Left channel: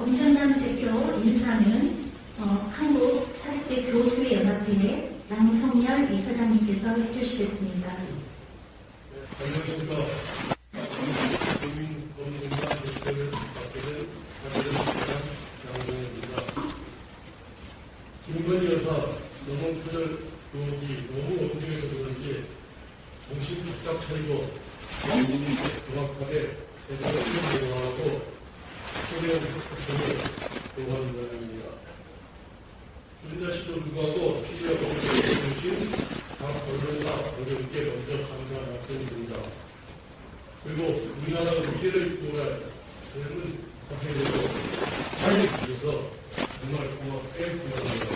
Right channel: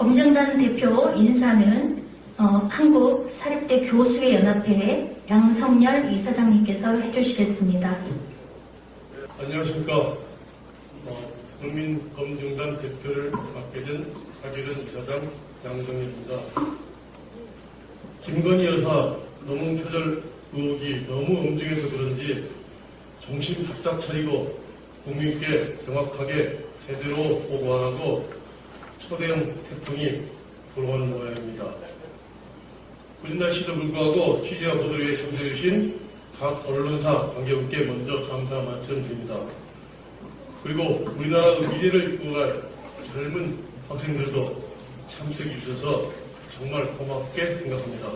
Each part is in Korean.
검증단 대표 인사는 한국사립대 교수의 연합회 양성열 이사장님께서 해주시겠습니다. 안녕하십니까. 국민검증단 대표를 맡게 된 사립대 양성열입니다. 김건희 여사 노문표절 의혹이 너무 엄중해서 그런지 정신 바짝 차리고 국민에게 명확하게 제대로 보고하고 초대형 소통이 들어가는 모양입니다. 굳은 날씨도 불구하고 취재와 보도에 응해주신 각 언론사 관계분께 먼저 감사 말씀드립니다. 그리고 우리나라 미래를 구할 젊은 학생들도 잘 주셔서 정말 고맙게 생각합니다.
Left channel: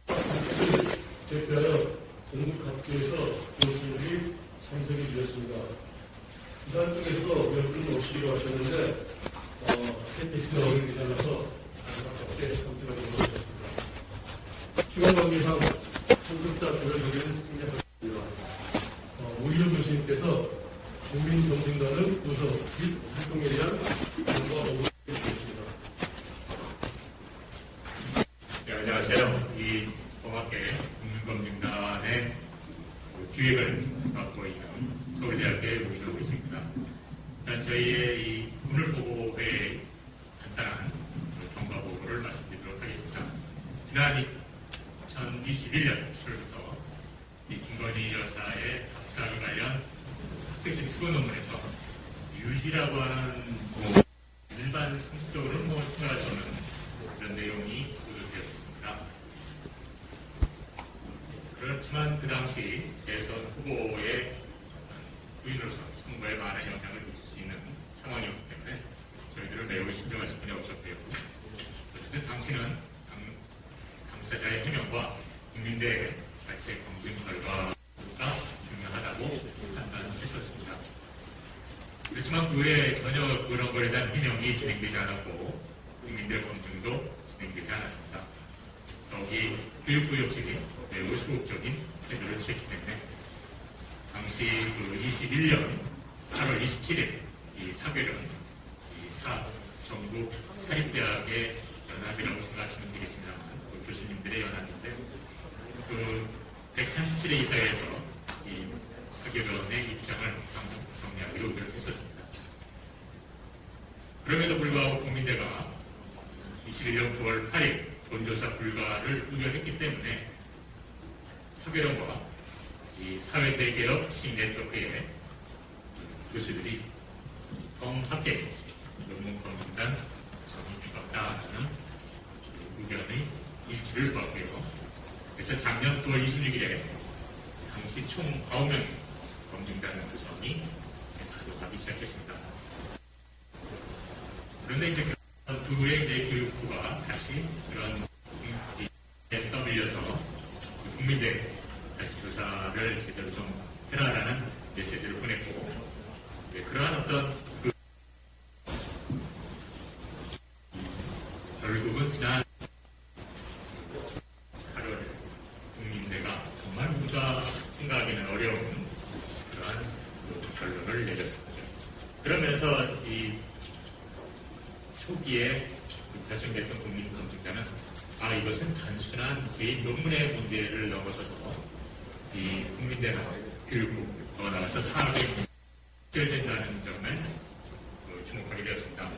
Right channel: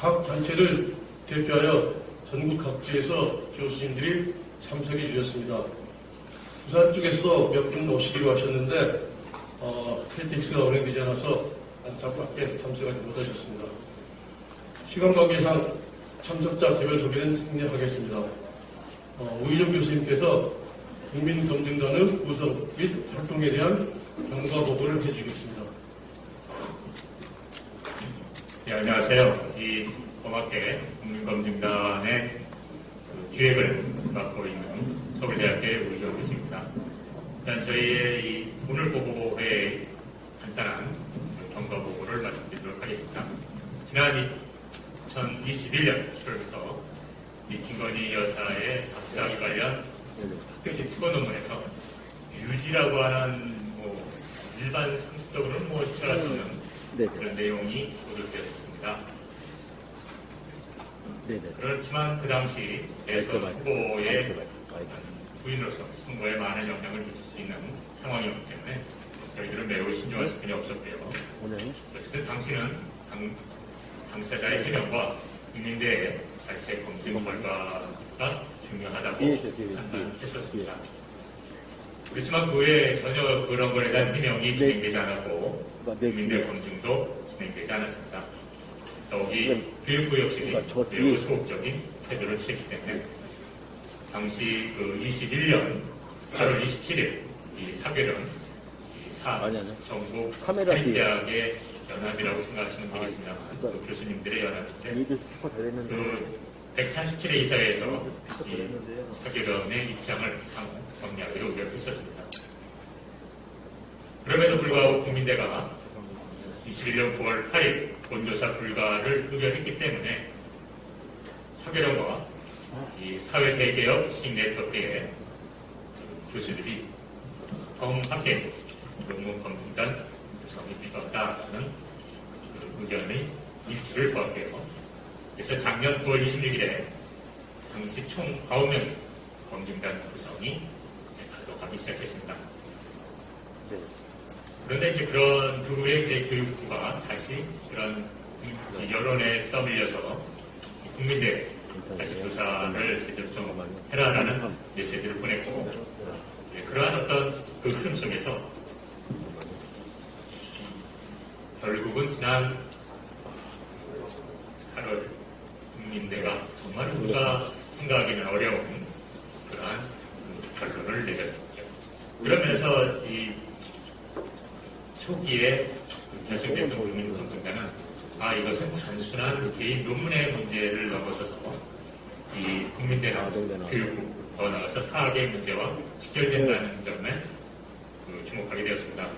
각 단체를 대표하여 전국 각지에서 교수님들이 참석해 주셨습니다. 부산 쪽에서도 몇 분 오시기로 하셨는데 KTX가 운행되지 않아서 안타깝게 참석하지 못하셨습니다. 시간 관계상 참석자 개별 소개는 생략하겠습니다. 우희정 교수님께서 국민검증단의 구성 및 활동에 대한 경과 보고를 해주겠습니다. 네, 안녕하세요. 이 고맙게 국민검증단의 기획을 맡고 있는 서울대학교의 우희정 교수입니다. 일단 저희의 이 오늘 보고회의 간단한 경과 보고를 말씀드리도록 하겠습니다. 지난 2021년 7월부터 이 김건희 여사의 박사학위 관련 학회지 특허 논문에서 유지라고 하는 일반 상식적으로는 생각할 수 없는 그런 내용이 보도되었습니다. 그렇지만 그 당시 대선 후보의 부인으로서 선거에 많은 영향을 미칠 수 있는 상황이었기 때문에 저희들은 매우 신중할 수밖에 없었고요. 어쨌든 당시는 당사자의 해명과 국민대의 자체 검증 결과가 중요하다고 판단했었습니다. 그렇지만 그 외에 전혀 그런 것에 대한 해명이 진행되지 않았고 국민대 검증도 진행되지 않았습니다. 더욱이 교육부 역시 매우 소극적인 태도를 취했기 때문에 당시 21년 8월 27일 이 사교련 전국 사립대학의 연합이라고 생각하시면 되겠습니다만 그 교수님들의 연합인데 그 137회 이사회에서 이 사교련의 입장을 정리하기로 노력했었습니다. 그럼에도 불구하고 국민대가 21년 9월 8일 본조사 불가를 의결했기 때문에 사교련과 이 사회대개혁 시민네트워크의 교수들이 정확하게 논문 검증단 구성이 필요하다는 의견의 일치를 거하게요. 그래서 작년 9월 26일에 당시 총 9명의 검증단 구성이 가동하기 시작했습니다. 그런데 이제 그런 두 해의 교육부가 다시 그런 여론에 떠밀려서 국민대 다시 조사를 제대로 좀 해라라는 메시지를 보냈고, 그러한 어떤 그 흐름 속에서 결국은 지난 8월 국민대가 정말 우리가 생각하기는 어려운 그러한 결론을 내렸습니다. 그런 면에서 이 초기에 결승됐던 국민검증단은 이것은 단순한 개인 논문의 문제를 넘어서서 이 국민대나 교육부 더 나아가서 사학의 문제와 직결된다는 점에 주목하게 되었습니다.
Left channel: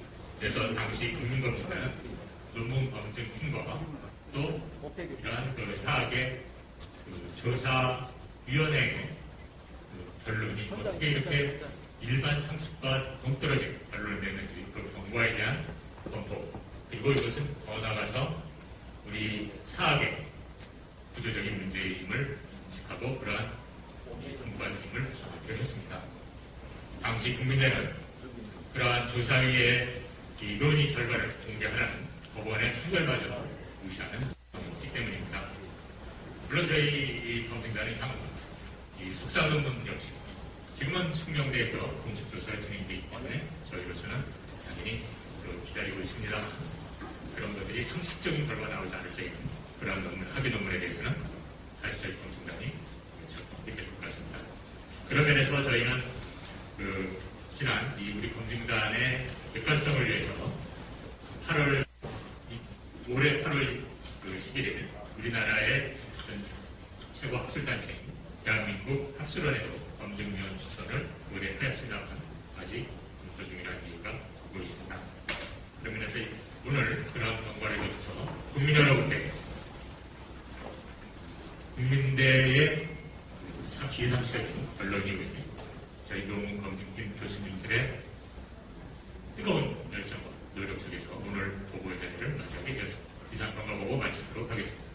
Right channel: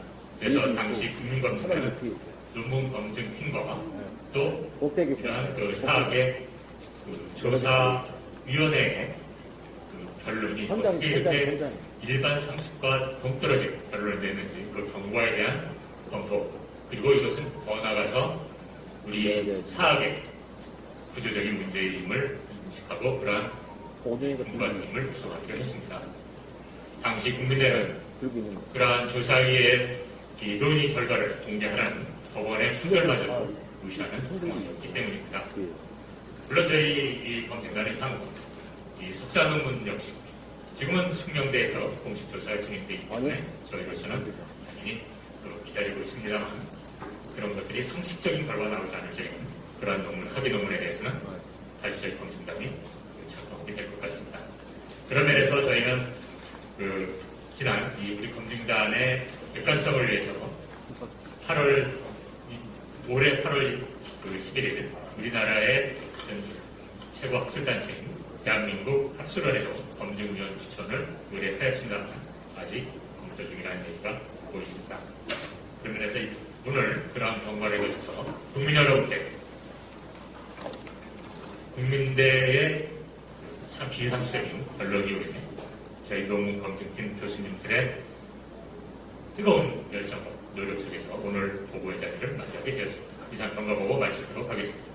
그래서 당시 국민검증단은 논문 검증팀과 또 이러한 사학의 조사위원회의 결론이 어떻게 이렇게 일반 상식과 동떨어진 결론을 내는지 그 경과에 대한 검토, 그리고 이것은 더 나아가서 우리 사학의 구조적인 문제임을 인식하고 그러한 공부관팀을 구성하기로 했습니다. 당시 국민대는 그러한 조사위의 이 논의 결과를 공개하라는 법원의 판결마저 무시하는 상황이었기 때문입니다. 물론 저희 이 검증단의 향후 이 석사 논문 역시 지금은 숙명대에서 공식 조사가 진행되기 때문에 저희로서는 당연히 기다리고 있습니다만 그런 것들이 상식적인 결과 나오지 않을 적에는 그러한 논문, 학위 논문에 대해서는 다시 저희 검증단이 작업하게 될 것 같습니다. 그런 면에서 저희는 지난 우리 검증단의 객관성을 위해서 올해 8월 11일 우리나라의 최고 학술단체인 대한민국 학술원에도 검증위원 추천을 의뢰하였습니다만 아직 검토 중이라는 얘기가 오고 있습니다. 그런 면에서 오늘 그런 정보에 대해서 국민 여러분께 국민대의 비상식적인 언론 이후에 저희 논문 검증팀 교수님들의 뜨거운 열정과 노력 속에서 오늘 보고의 자리를 맞이하게 되었습니다. 이상 평가보고 마치도록 하겠습니다.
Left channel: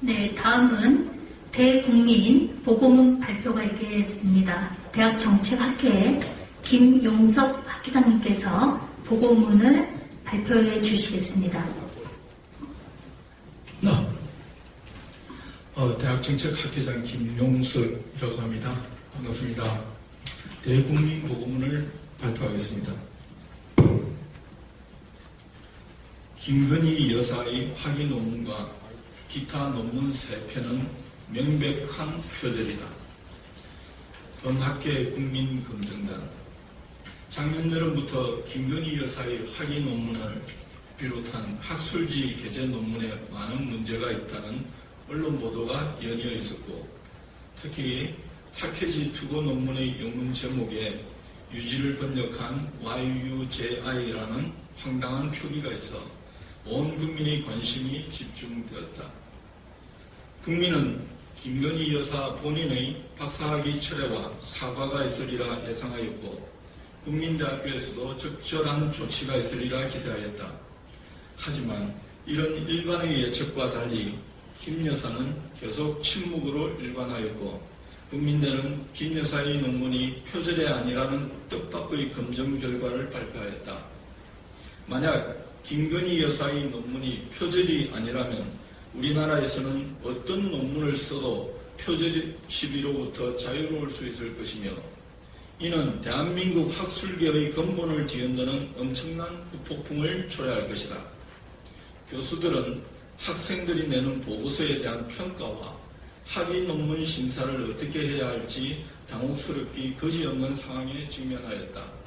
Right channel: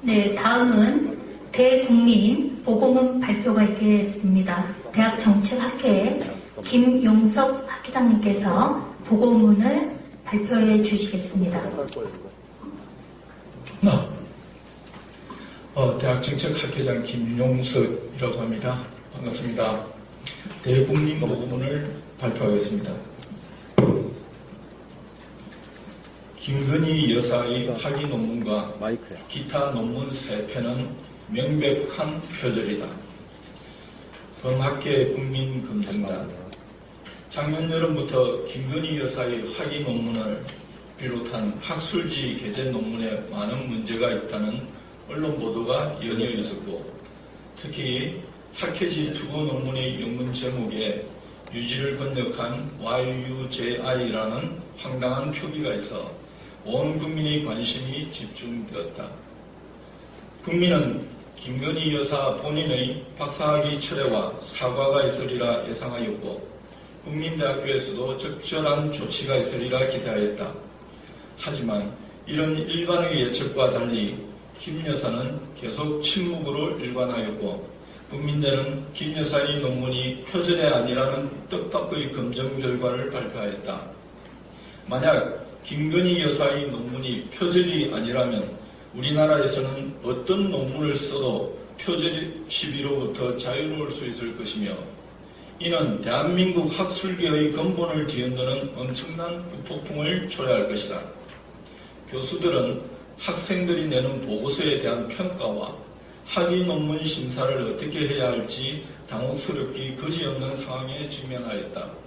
네, 다음은 대국민 보고문 발표가 있겠습니다. 대학정책학회 김용석 학회장님께서 보고문을 발표해 주시겠습니다. 대학정책학회장 김용석이라고 합니다. 반갑습니다. 대국민 보고문을 발표하겠습니다. 김건희 여사의 학위 논문과 기타 논문 3편은 명백한 표절이다. 범학계 국민검증단 작년 여름부터 김건희 여사의 학위 논문을 비롯한 학술지 게재 논문에 많은 문제가 있다는 언론 보도가 연이어 있었고, 특히 학회지 투고 논문의 영문 제목에 유지를 번역한 YUJI라는 황당한 표기가 있어 온 국민의 관심이 집중되었다. 국민은 김건희 여사 본인의 박사학위 철회와 사과가 있으리라 예상하였고, 국민대학교에서도 적절한 조치가 있으리라 기대하였다. 하지만 이런 일반의 예측과 달리 김 여사는 계속 침묵으로 일관하였고, 국민대는 김 여사의 논문이 표절이 아니라는 뜻밖의 검증 결과를 발표하였다. 만약 김건희 여사의 논문이 표절이 아니라면 우리나라에서는 어떤 논문을 써도 표절 시비로부터 자유로울 수 있을 것이며, 이는 대한민국 학술계의 근본을 뒤흔드는 엄청난 후폭풍을 초래할 것이다. 교수들은 학생들이 내는 보고서에 대한 평가와 학위 논문 심사를 어떻게 해야 할지 당혹스럽기 그지없는 상황에 직면하였다.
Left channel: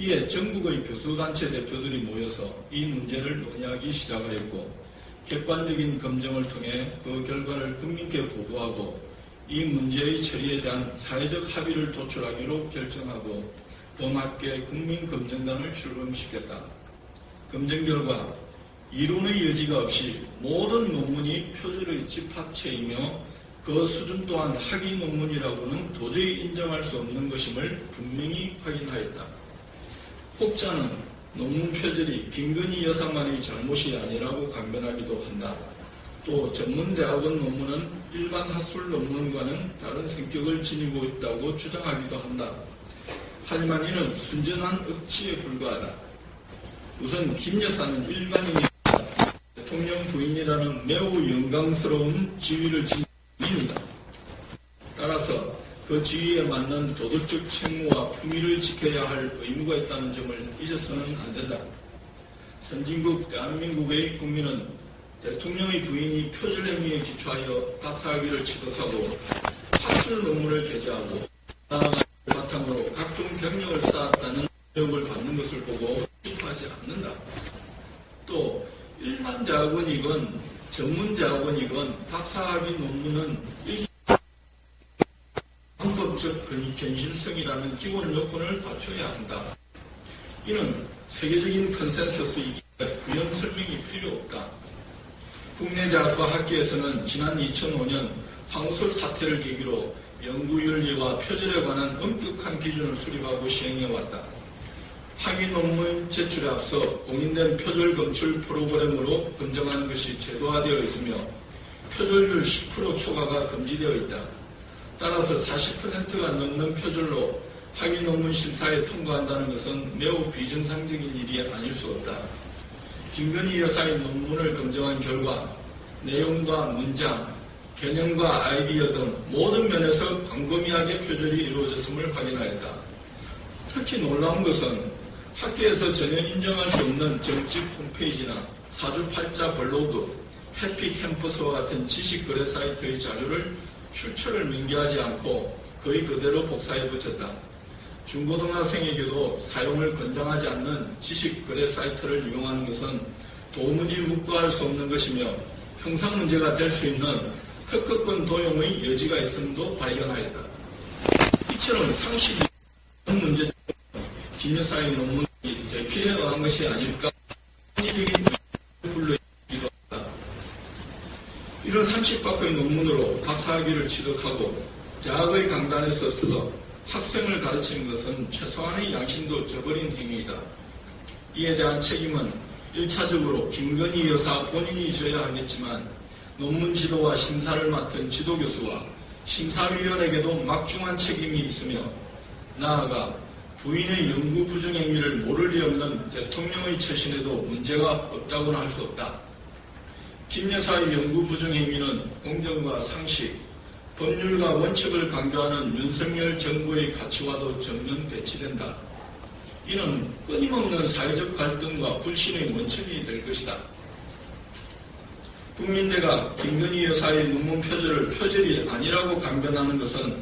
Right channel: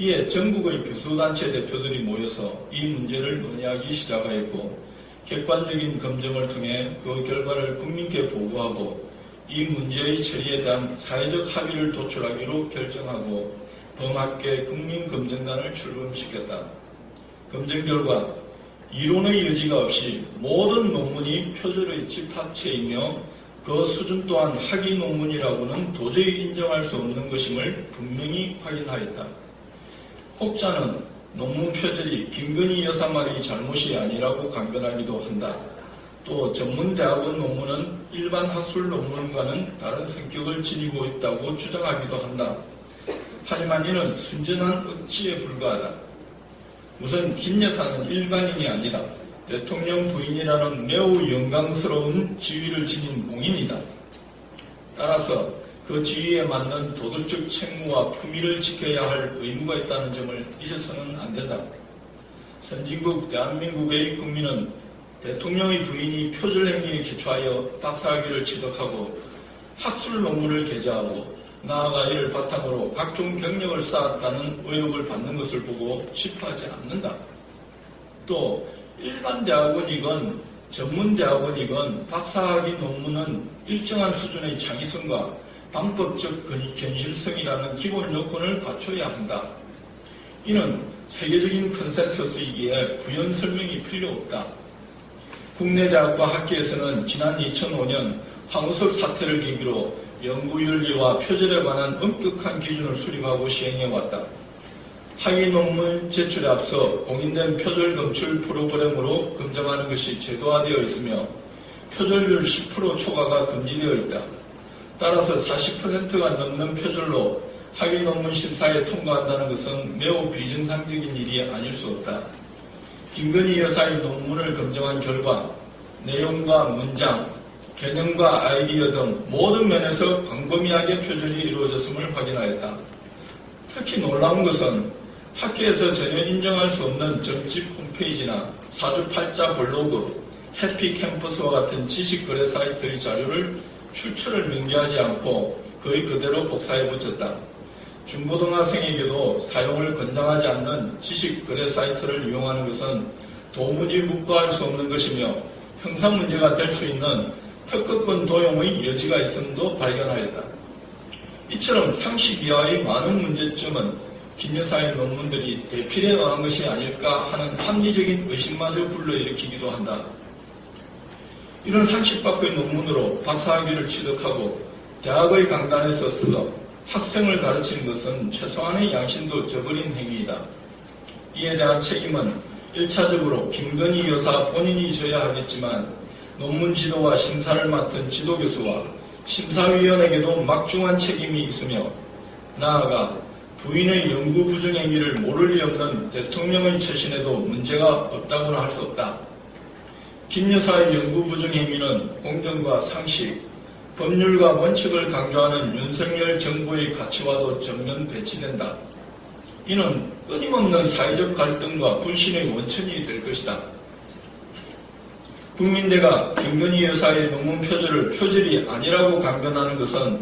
이에 전국의 교수단체 대표들이 모여서 이 문제를 논의하기 시작하였고, 객관적인 검증을 통해 그 결과를 국민께 보고하고 이 문제의 처리에 대한 사회적 합의를 도출하기로 결정하고 범학계 국민검증단을 출범시켰다. 검증 결과 이론의 여지가 없이 모든 논문이 표절의 집합체이며 그 수준 또한 학위 논문이라고는 도저히 인정할 수 없는 것임을 분명히 확인하였다. 혹자는 논문 표절이 김건희 여사만의 잘못이 아니라고 강변하기도 한다. 또 전문대학원 논문은 일반 학술 논문과는 다른 성격을 지니고 있다고 주장하기도 한다. 하지만 이는 순전한 억지에 불과하다. 우선 김 여사는 일반인이 아니라 대통령 부인이라는 매우 영광스러운 지위를 지닌 공인이다. 따라서 그 지위에 맞는 도덕적 책무와 품위를 지켜야 할 의무가 있다는 점을 잊어서는 안 된다. 선진국 대한민국의 국민은 대통령의 부인이 표절 행위에 기초하여 박사학위를 취득하고 학술 논문을 게재하고 나아가 이를 바탕으로 각종 경력을 쌓았다는 의혹을 받는 것을 보고 싶어하지 않는다. 또 일반 대학원이건 전문 대학원이건 박사학위 논문은 일정한 수준의 창의성과 방법적 견실성이라는 기본 요건을 갖춰야 한다. 이는 세계적인 컨센서스이기에 부연 설명이 필요 없다. 국내 대학과 학계에서는 지난 2005년 황우석 사태를 계기로 연구윤리와 표절에 관한 엄격한 기준을 수립하고 시행해왔다. 학위 논문 제출에 앞서 공인된 표절 검출 프로그램으로 검증하는 것이 제도화되어 있으며 표절률 10% 초과가 금지되어 있다. 따라서 40%가 넘는 표절로 학위 논문 심사에 통과한다는 것은 매우 비정상적인 일이 아닐 수 없다. 김건희 여사의 논문을 검증한 결과 내용과 문장, 개념과 아이디어 등 모든 면에서 광범위하게 표절이 이루어졌음을 확인하였다. 특히 놀라운 것은 학계에서 전혀 인정할 수 없는 정집 홈페이지나 사주팔자 블로그, 해피캠퍼스와 같은 지식거래 사이트의 자료를 출처를 명기하지 않고 거의 그대로 복사해 붙였다. 중고등학생에게도 사용을 권장하지 않는 지식 거래 사이트를 이용하는 것은 도무지 묵과할 수 없는 것이며 형사 문제가 될 수 있는 특허권 도용의 여지가 있음도 발견하였다. 이처럼 상식 이하의 많은 문제점은 김 여사의 논문들이 대필에 의한 것이 아닐까 하는 합리적인 의심마저 불러일으키기도 한다. 이런 상식 밖의 논문으로 박사학위를 취득하고 대학의 강단에 서서 학생을 가르치는 것은 최소한의 양심도 저버린 행위이다. 이에 대한 책임은 1차적으로 김건희 여사 본인이 져야 하겠지만 논문 지도와 심사를 맡은 지도교수와 심사위원에게도 막중한 책임이 있으며 나아가 부인의 연구 부정 행위를 모를 리 없는 대통령의 처신에도 문제가 없다고는 할 수 없다. 김 여사의 연구 부정 행위는 공정과 상식, 법률과 원칙을 강조하는 윤석열 정부의 가치와도 정면 배치된다. 이는 끊임없는 사회적 갈등과 불신의 원천이 될 것이다. 국민대가 김건희 여사의 논문 표절을 표절이 아니라고 강변하는 것은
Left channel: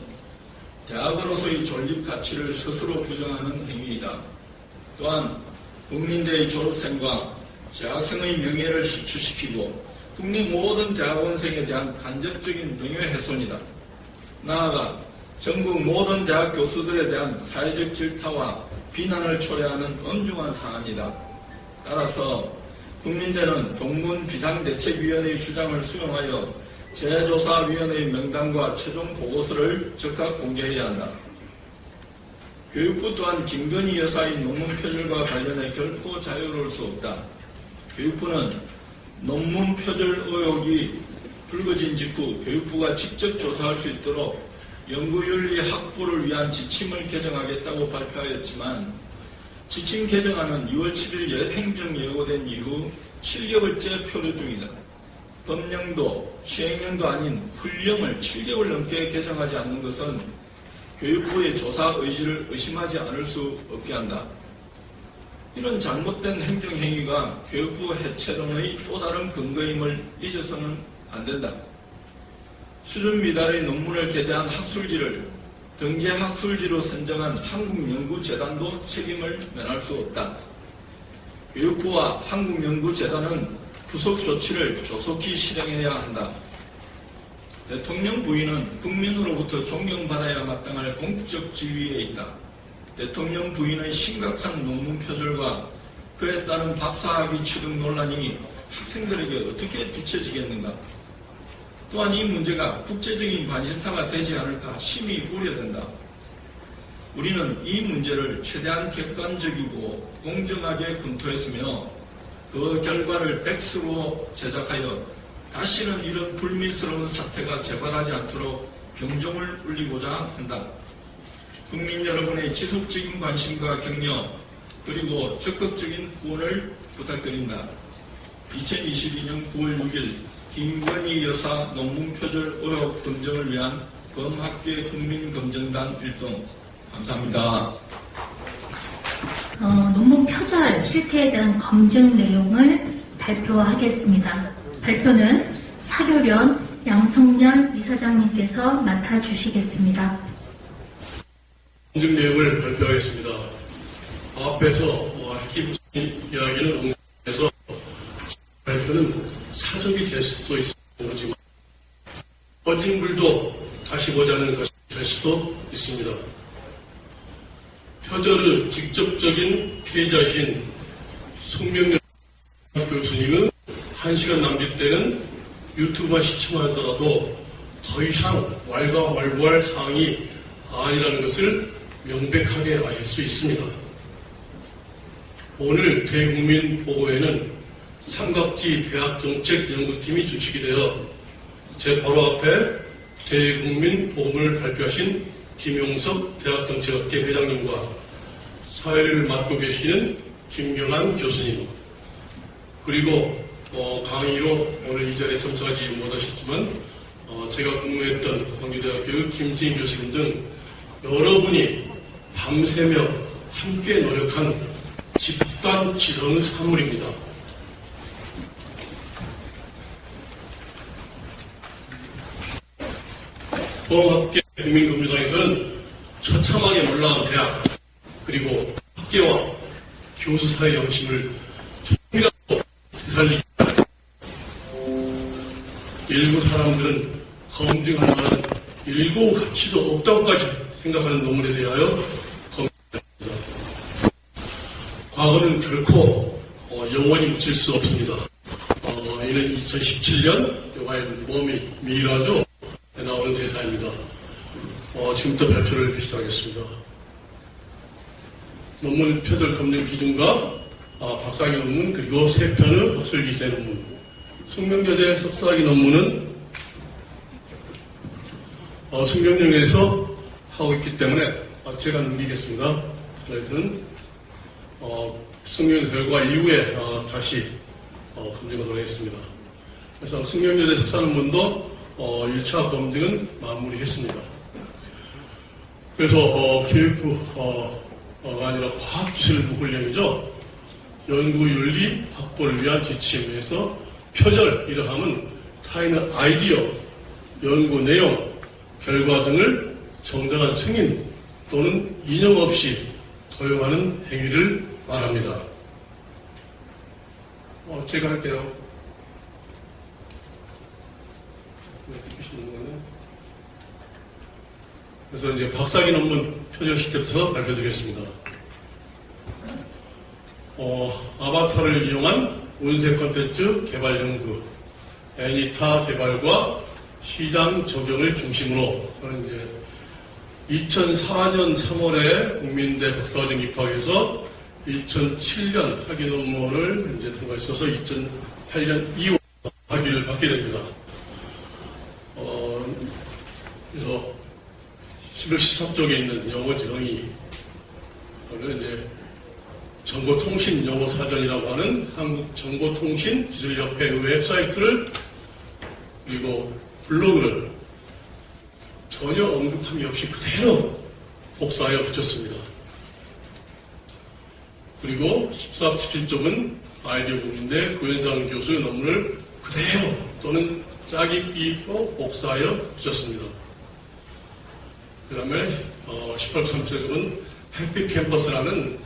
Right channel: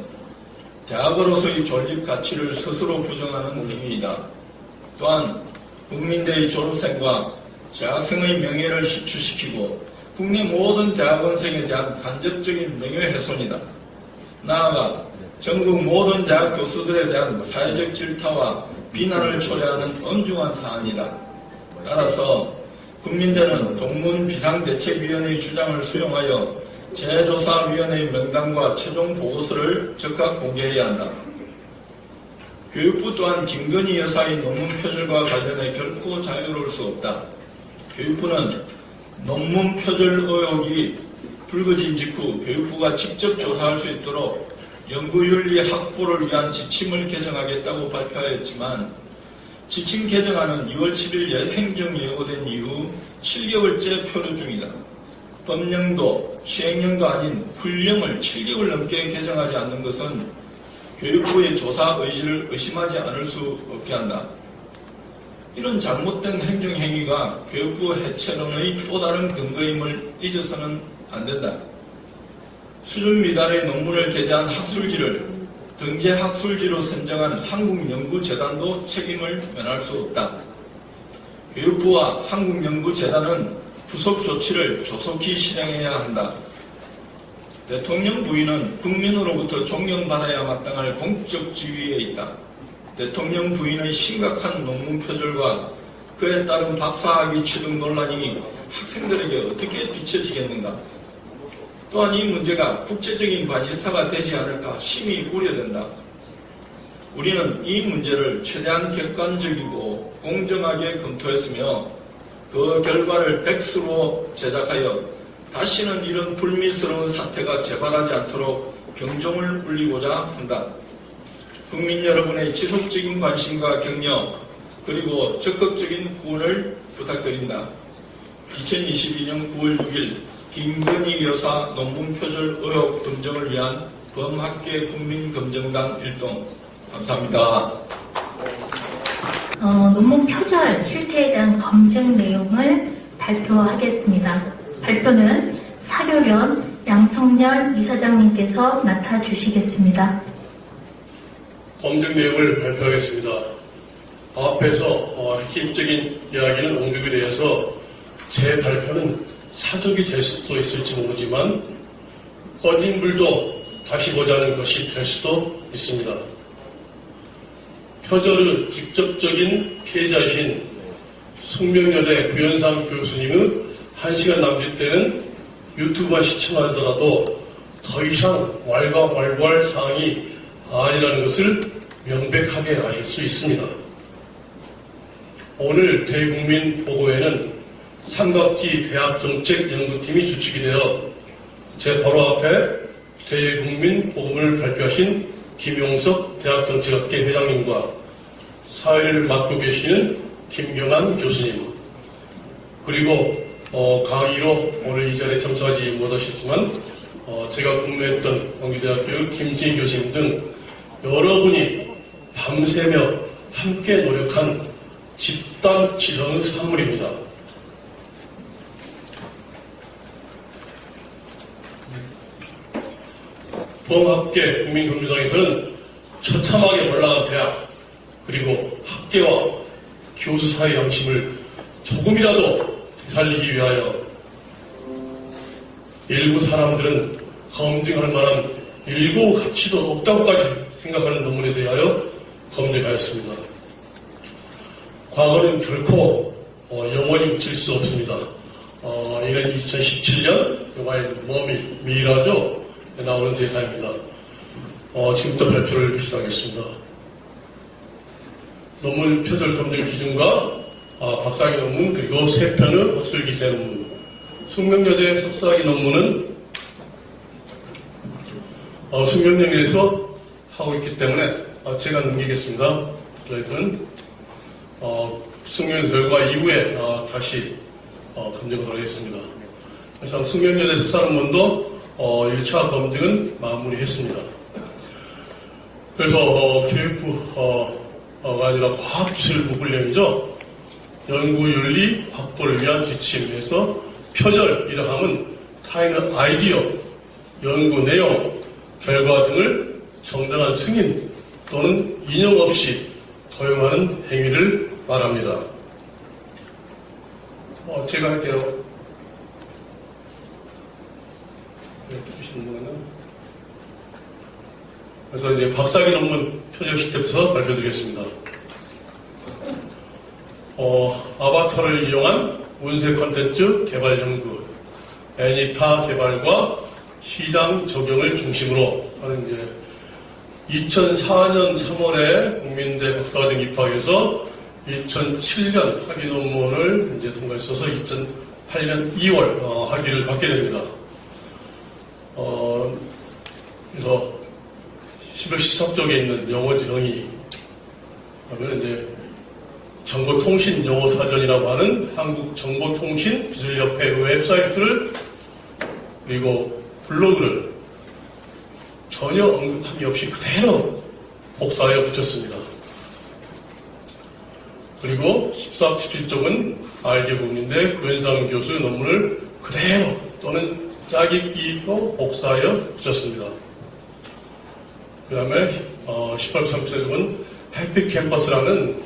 대학으로서의 존립 가치를 스스로 부정하는 행위이다. 또한 국민대의 졸업생과 재학생의 명예를 실추시키고 국내 모든 대학원생에 대한 간접적인 명예훼손이다. 나아가 전국 모든 대학 교수들에 대한 사회적 질타와 비난을 초래하는 엄중한 사안이다. 따라서 국민대는 동문 비상대책위원회의 주장을 수용하여 재조사위원회의 명단과 최종 보고서를 즉각 공개해야 한다. 교육부 또한 김건희 여사의 논문 표절과 관련해 결코 자유로울 수 없다. 교육부는 논문 표절 의혹이 불거진 직후 교육부가 직접 조사할 수 있도록 연구윤리 확보를 위한 지침을 개정하겠다고 발표하였지만 지침 개정안은 6월 7일 행정 예고된 이후 7개월째 표류 중이다. 법령도 시행령도 아닌 훈령을 7개월 넘게 개정하지 않는 것은 교육부의 조사 의지를 의심하지 않을 수 없게 한다. 이런 잘못된 행정행위가 교육부 해체론의 또 다른 근거임을 잊어서는 안 된다. 수준 미달의 논문을 게재한 학술지를 등재 학술지로 선정한 한국연구재단도 책임을 면할 수 없다. 교육부와 한국연구재단은 후속 조치를 조속히 실행해야 한다. 대통령 부인은 국민으로부터 존경받아야 마땅할 공적 지위에 있다. 대통령 부인의 심각한 논문 표절과 그에 따른 박사학위 취득 논란이 학생들에게 어떻게 비춰지겠는가? 또한 이 문제가 국제적인 관심사가 되지 않을까 심히 우려된다. 우리는 이 문제를 최대한 객관적이고 공정하게 검토했으며 그 결과를 백수로 제작하여 다시는 이런 불미스러운 사태가 재발하지 않도록 경종을 울리고자 한다. 국민 여러분의 지속적인 관심과 격려 그리고 적극적인 후원을 부탁드립니다. 2022년 9월 6일 김건희 여사 논문 표절 의혹 검증을 위한 범학계 국민검증단 일동 감사합니다. 논문 표절 실태에 대한 검증 내용을 발표하겠습니다. 발표는 사교련 양성열 이사장님께서 맡아주시겠습니다. 검증 내용을 발표하겠습니다. 앞에서 핵심적인 이야기는 언급에 대해서 제 발표는 사적이 될 수도 있을지 모르지만 꺼진 불도 다시 보자는 것이 될 수도 있습니다. 표절의 직접적인 피해자이신 숙명여대 구현상 교수님의 1시간 남짓되는 유튜브와 시청하더라도 더 이상 왈가왈부할 사항이 아니라는 것을 명백하게 아실 수 있습니다. 오늘 대국민 보고회는 삼각지 대학정책연구팀이 주축이 되어 제 바로 앞에 대국민 보고문을 발표하신 김용석 대학정책학회 회장님과 사회를 맡고 계시는 김경환 교수님 그리고 강의로 오늘 이 자리에 참석하지 못하셨지만 제가 근무했던 광주대학교 김승희 교수님 등 여러분이 밤새며 함께 노력한 집단 지성의 산물입니다. 범학계 국민검증당에서는 처참하게 올라간 대학 그리고 학계와 교수 사이의 양심을 조금이라도 되살리기 위하여 일부 사람들은 검증할 만한 일고 가치도 없다고까지 생각하는 논문에 대하여 검증하였습니다. 과거는 결코 영원히 묻힐 수 없습니다. 이는 2017년 영화의 미라죠. 나오는 대사입니다. 지금부터 발표를 시작하겠습니다. 논문 표절 검증 기준과 박사학위 논문 그리고 3편의 학술 기재 논문. 숙명여대 석사학위 논문은 숙명여대에서 하고 있기 때문에 제가 넘기겠습니다. 저희들은 숙명여대 결과 이후에 다시 검증하도록 하겠습니다. 그래서 숙명여대 석사 논문도 1차 검증은 마무리했습니다. 그래서 교육부가 아니라 과학기술부 훈련이죠. 연구윤리 확보를 위한 지침에서 표절이라 하면 타인의 아이디어, 연구 내용, 결과 등을 정당한 승인 또는 인용 없이 도용하는 행위를 말합니다. 제가 할게요. 그래서 이제 박사학위 논문 표절 시점에서 발표드리겠습니다. 아바타를 이용한 운세 콘텐츠 개발 연구, 애니타 개발과 시장 적용을 중심으로 하는 이제 2004년 3월에 국민대 박사과정 입학해서 2007년 학위 논문을 이제 통과했어서 2008년 2월 학위를 받게 됩니다. 그래서 11시 쪽에 있는 영어 정의 하면 이제 정보통신 용어사전이라고 하는 한국정보통신기술협회 웹사이트를 그리고 블로그를 전혀 언급함이 없이 그대로 복사하여 붙였습니다. 그리고 14, 17쪽은 아이디어 국민대 구현상 교수의 논문을 그대로 또는 짜깁기로 복사하여 붙였습니다. 그 다음에 18, 30쪽은 해피캠퍼스라는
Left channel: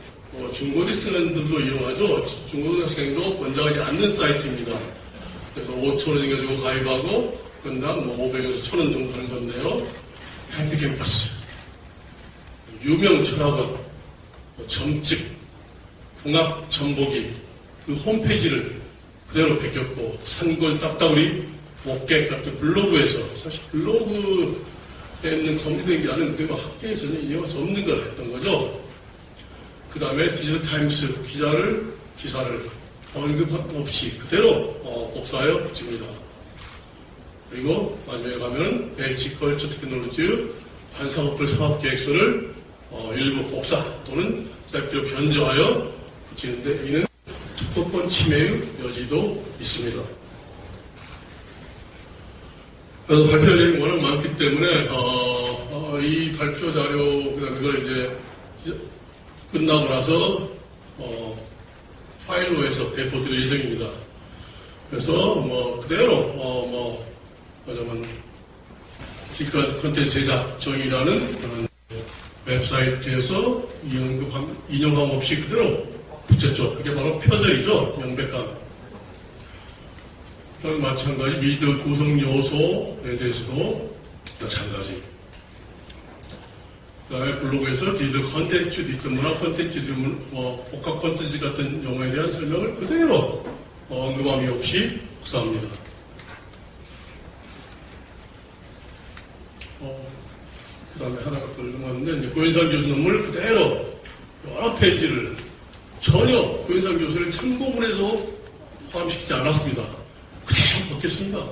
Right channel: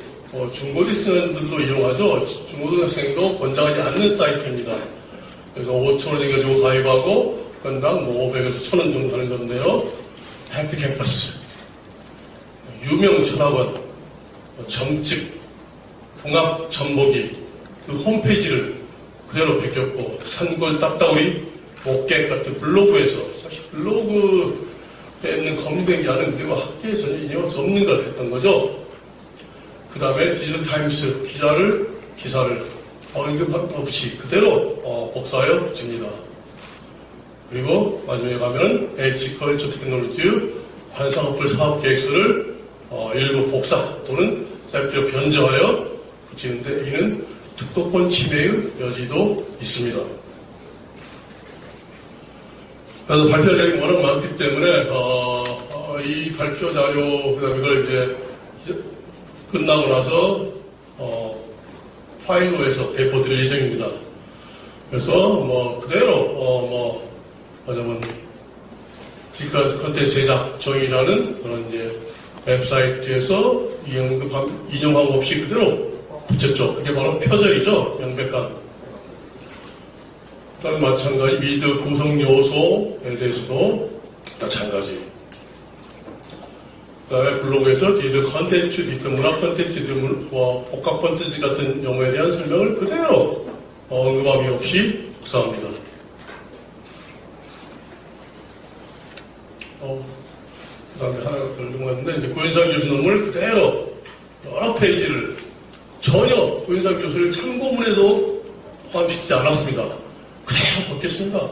중고등학생들도 이용하죠. 중고등학생도 권장하지 않는 사이트입니다. 그래서 5,000원 내가지고 가입하고 건당 500에서 1,000원 정도 하는 건데요. 해피캠퍼스, 유명 철학원, 정집, 궁합전보기 그 홈페이지를 그대로 베꼈고 산골 딱따구리, 목객 같은 블로그에서 사실 블로그에 있는 검색이 하는 그리고 학계에서는 인용할 수 없는 걸 했던 거죠. 그 다음에 디지털타임스 기사를 언급 없이 그대로 복사하여 붙입니다. 그리고 마지막에 가면은 H컬처 테크놀로지 관상어플 사업계획서를 일부 복사 또는 짧게 변경하여 붙이는데 이는 특허권 침해의 여지도 있습니다. 그래서 발표 내용이 워낙 많기 때문에 이 발표 자료 그다음에 이걸 이제 끝나고 나서 파일로에서 배포드릴 예정입니다. 그래서 그대로 하자면 지금까지 컨텐츠 제작 정의라는 그런 이제 웹사이트에서 인용함 없이 그대로 붙였죠. 그게 바로 표절이죠. 명백한. 그다음에 마찬가지 미드 구성 요소에 대해서도 마찬가지. 그다음에 블로그에서 디드 컨텐츠, 디드 문화 컨텐츠, 복합 컨텐츠 같은 용어에 대한 설명을 그대로 언급함이 없이 복사합니다. 그다음에 하나가 더 궁금한데 이제 고현상 교수 논문을 그대로 여러 페이지를 전혀 고현상 교수를 참고문에도 포함시키지 않았습니다. 그대로 벗겼습니다.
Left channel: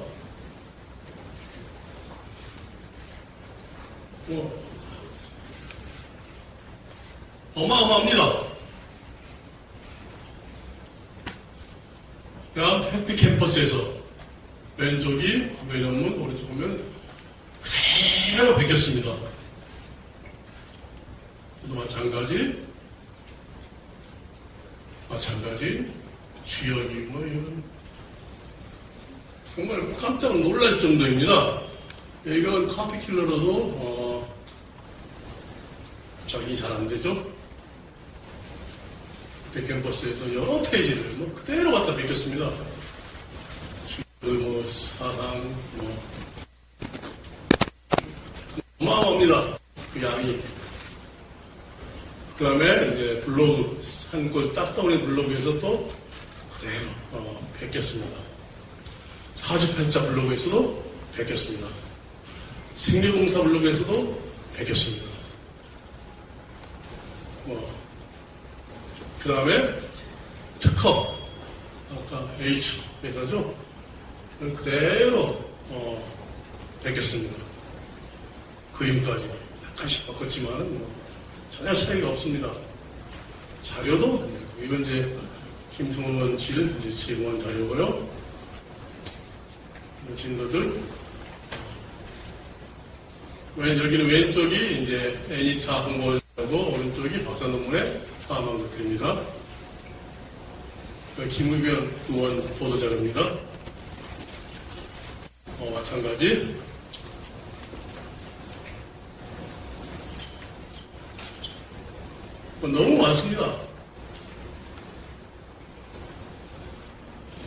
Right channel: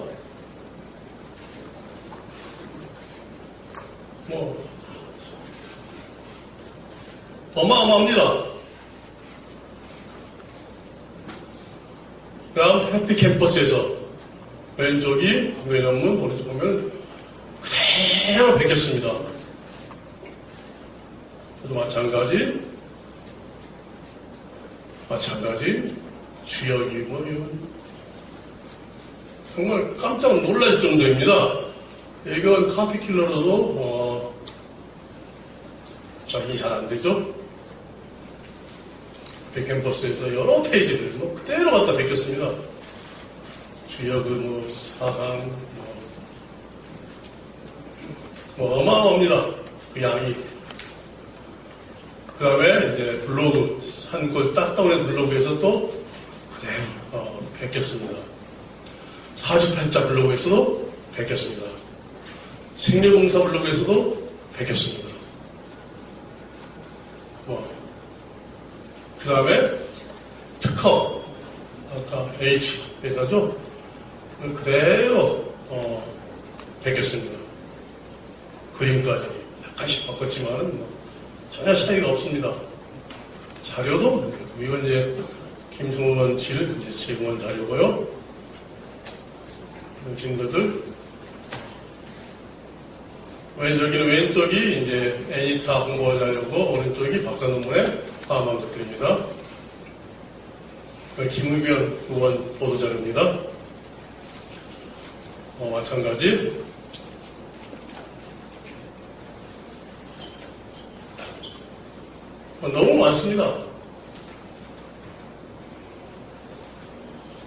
어마어마합니다. 그 다음 해피캠퍼스에서 왼쪽이 국외 논문, 오른쪽 보면 그대로 베꼈습니다. 마찬가지 주역이 이건 정말 깜짝 놀랄 정도입니다. 예견 카피킬러로도 이 잘 안 되죠? 캠퍼스에서 여러 페이지를 그대로 갖다 베꼈습니다. 주역의 사상, 어마어마합니다. 그 양이. 그 다음에 이제 블로그, 산골 따따오리 블로그에서 또 그대로 베꼈습니다. 48자 블로그에서도 베꼈습니다. 생계공사 블로그에서도 베꼈습니다. 그 다음에 특허, 아까 H 회사죠. 그대로 베꼈습니다. 그림까지 약간씩 바꿨지만 전혀 차이가 없습니다. 자료도 이건 이제 김성원 씨를 이제 제공한 자료고요. 이런 증거들. 여기는 왼쪽이 이제 애니타 홍보 자료고 오른쪽이 박사 논문에 포함한 것들입니다. 김의변 의원 보도 자료입니다. 마찬가지. 너무 많습니다.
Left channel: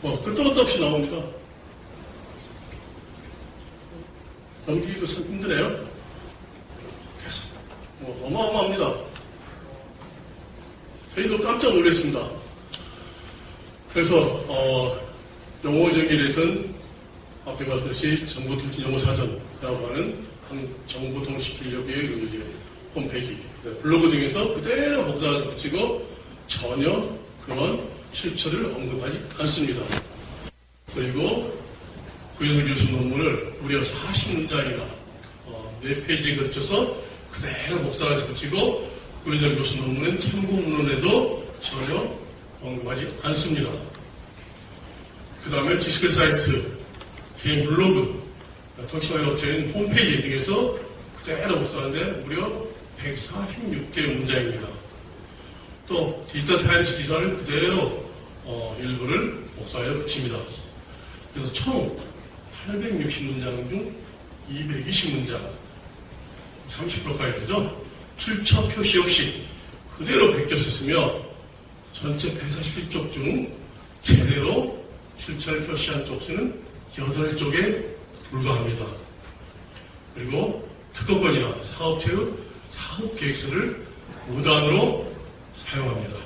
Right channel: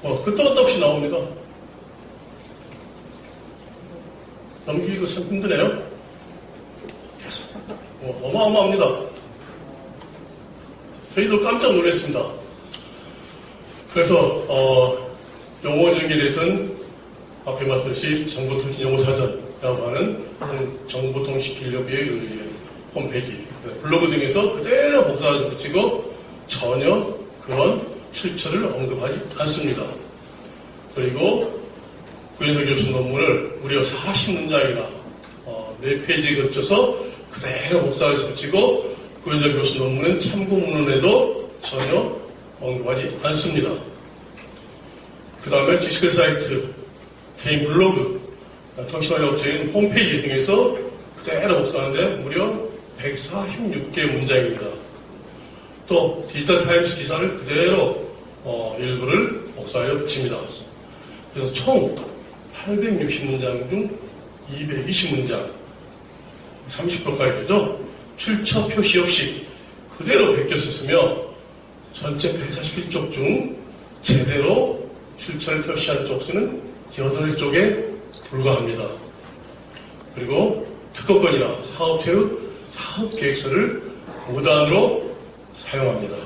끝도 끝도 없이 나옵니다. 넘기기도 참 힘드네요. 계속. 어마어마합니다. 저희도 깜짝 놀랐습니다. 그래서, 용어적인 대해서는 앞에 말씀드렸듯이 정보통신용어사전이라고 하는 정보통신기술협의회 홈페이지, 블로그 등에서 그대로 복사해서 붙이고 전혀 그런 실처를 언급하지 않습니다. 그리고 구현석 교수 논문을 무려 40문장이나 4페이지에 걸쳐서 그대로 복사해서 붙이고 구현석 교수 논문은 참고문헌에도 전혀 언급하지 않습니다. 그 다음에 지식의 사이트, 개인 블로그, 통신망업체인 홈페이지 등에서 그대로 복사하는데 무려 146개 문장입니다. 또 디지털 타임스 기사를 그대로 일부를 복사하여 붙입니다. 그래서 총 860문장 중 220문장, 30%까지 되죠. 출처 표시 없이 그대로 베꼈었으며 전체 141쪽 중 제대로 출처를 표시한 쪽수는 8쪽에 불과합니다. 그리고 특허권이나 사업체의 사업계획서를 무단으로 사용합니다.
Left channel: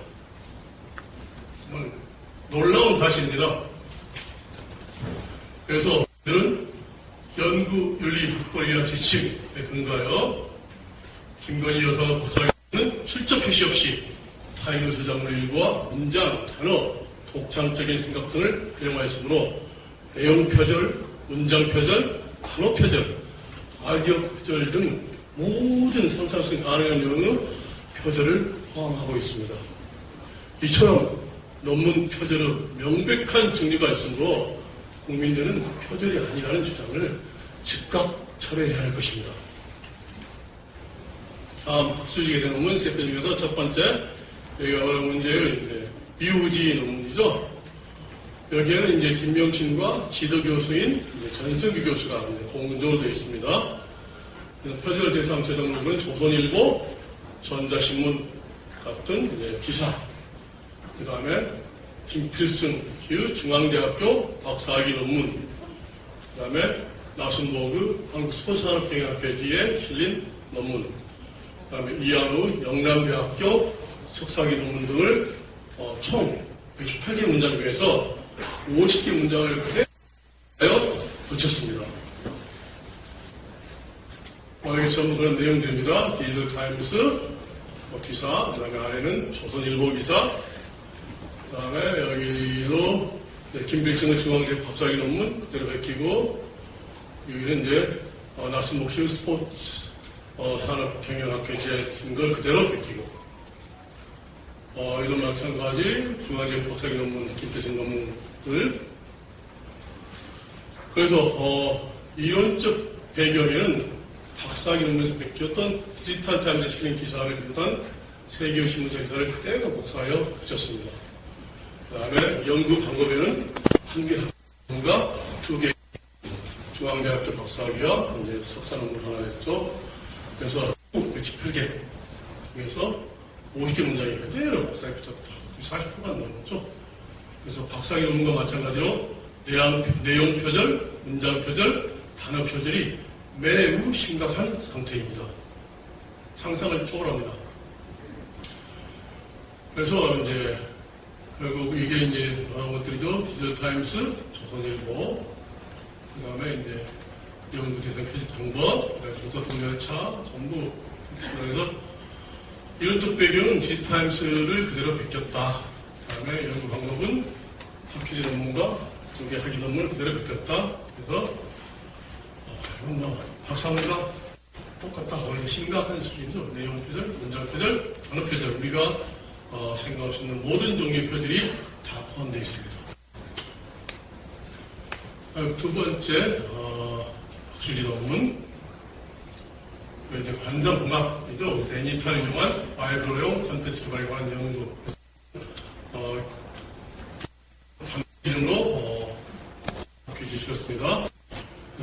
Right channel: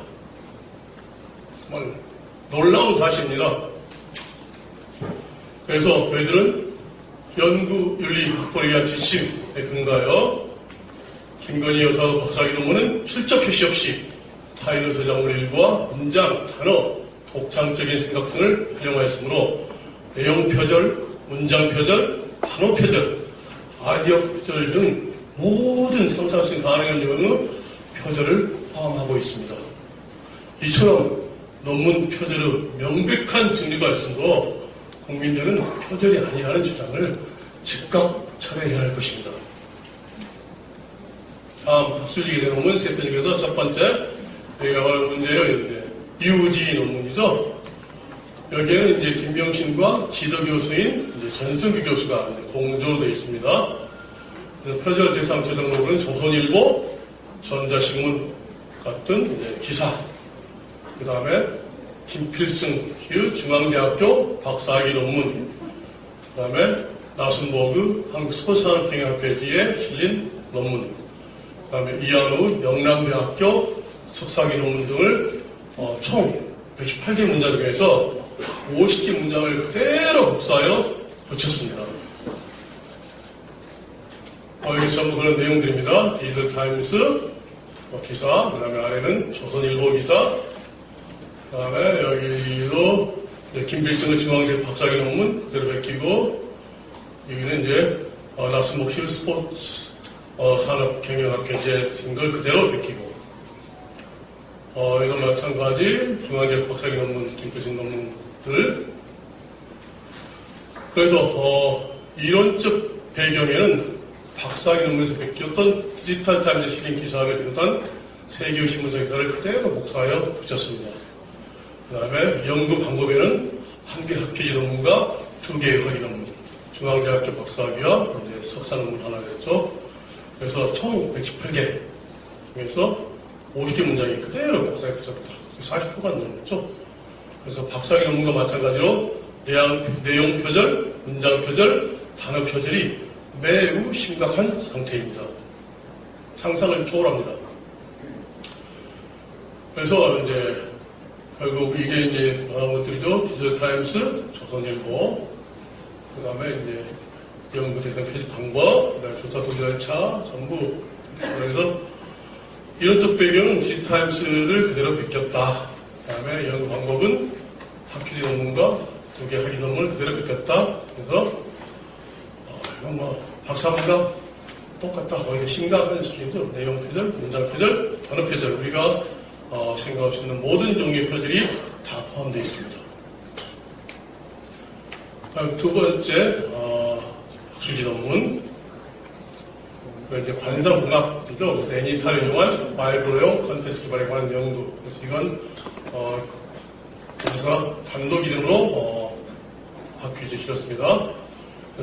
놀라운 사실입니다. 그래서 저희들은 연구윤리 확보를 위한 지침에 근거하여 김건희 여사 박사학위 논문은 출처 표시 없이 타인의 저작물 일부와 문장, 단어, 독창적인 생각 등을 활용하였으므로 내용 표절, 문장 표절, 단어 표절, 아이디어 표절 등 모든 상상할 수 있는 가능한 요인의 표절을 포함하고 있습니다. 이처럼 논문 표절의 명백한 증거가 있으므로 국민들은 표절이 아니라는 주장을 즉각 철회해야 할 것입니다. 다음 학술지에 대한 논문 3편 중에서 첫 번째, 여기가 바로 문제의 BUG 논문이죠. 여기에는 이제 김명신과 지도교수인 전승규 교수가 공조로 되어 있습니다. 표절 대상 저작록은 조선일보, 전자신문 같은 이제 기사, 그 다음에 김필승 중앙대학교 박사학위 논문, 그 다음에 나순보그 한국스포츠산업경영학회지에 실린 논문, 그 다음에 이한우 영남대학교 석사학위 논문 등을 총 118개 문장 중에서 50개 문장을 그대로 복사하여 붙였습니다. 이게 전부 그런 내용들입니다. 디지털 타임스 기사, 그 다음에 아래는 조선일보 기사, 그 다음에 여기도 김필승의 중앙대 박사학위 논문 그대로 베끼고, 여기는 이제 나스목 스포츠 산업경영학회지에 쓴 걸 그대로 베끼고, 이건 마찬가지 중앙대 박사학위 논문, 김필승 논문들. 그래서 이론적 배경에는 박사학위 논문에서 베꼈던 디지털 타임즈에 실린 기사를 비롯한 세계의 신문사 기사를 그대로 복사하여 붙였습니다. 그 다음에 연구 방법에는 1개 학회지 논문과 2개의 허위 논문, 중앙대학교 박사학위와 석사 논문 하나였죠. 그래서 총 118개 중에서 50개 문장이 그대로 복사해 붙였다. 40%가 넘었죠. 그래서 박사학위 논문과 마찬가지로 내용 표절, 문장 표절, 단어 표절이 매우 심각한 상태입니다. 상상을 초월합니다. 그래서 이제 결국 이게 이제 것들이죠. 기자타임스, 조선일보, 그 다음에 이제 연구 대상 표시 방법, 그 다음에 조사 동의 절차, 전부. 그래서 이런 쪽 배경은 기자타임스를 그대로 베꼈다. 그 다음에 연구 방법은 학회지 논문과 조개 학위 논문을 그대로 베꼈다. 그래서 이건 뭐 박사보다 똑같다. 거의 심각한 수준이죠. 내용 표절, 문장 표절, 단어 표절. 우리가 생각할 수 있는 모든 종류의 표절이 다 포함되어 있습니다. 다음 두 번째 학술지 논문. 이제 관성공학이죠. 그래서 애니타를 이용한 와이브로용 컨텐츠 개발에 관한 연구. 그래서 이건 그래서 단독 이름으로 학회지 실었습니다.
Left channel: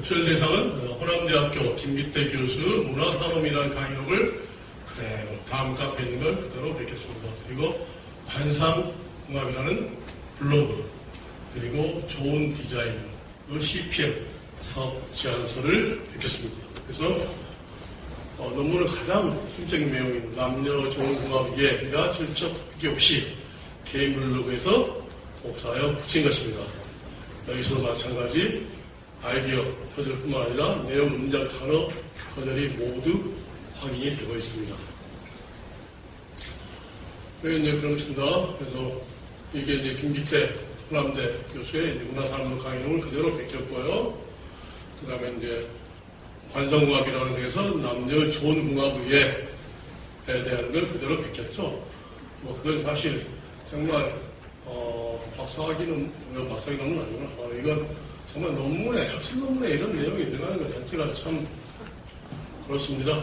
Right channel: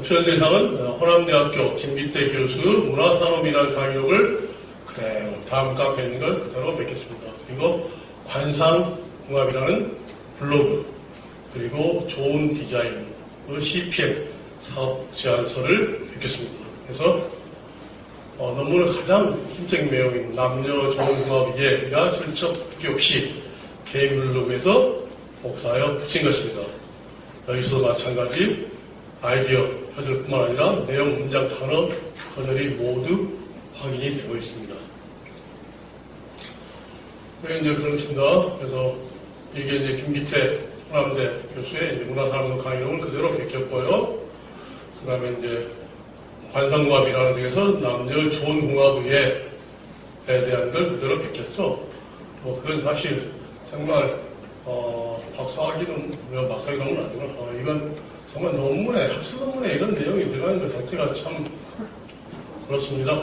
표현 대상은 호남대학교 김기태 교수 문화산업이라는 강의록을 그대로 다음 카페에 있는 걸 그대로 베꼈습니다. 그리고 관상공학이라는 블로그, 그리고 좋은 디자인, CPM 사업 제안서를 베꼈습니다. 그래서 논문을 가장 힘적인 내용인 남녀 좋은 공학위계가 출처 표기 없이 개인 블로그에서 복사하여 붙인 것입니다. 여기서도 마찬가지 아이디어 표절뿐만 아니라 내용, 문장, 단어, 표절이 모두 확인이 되고 있습니다. 그게 이제 그렇습니다. 그래서 이게 이제 김기태 호남대 교수의 이제 문화산업 강의록을 그대로 베꼈고요. 그 다음에 이제 관성공학이라는 데에서 남녀 좋은 공학위에 대한 걸 그대로 베꼈죠. 뭐 그건 사실 정말 박사학위는 아니구나. 이건 정말 논문에, 학술 논문에 이런 내용이 들어가는 것 자체가 참 그렇습니다.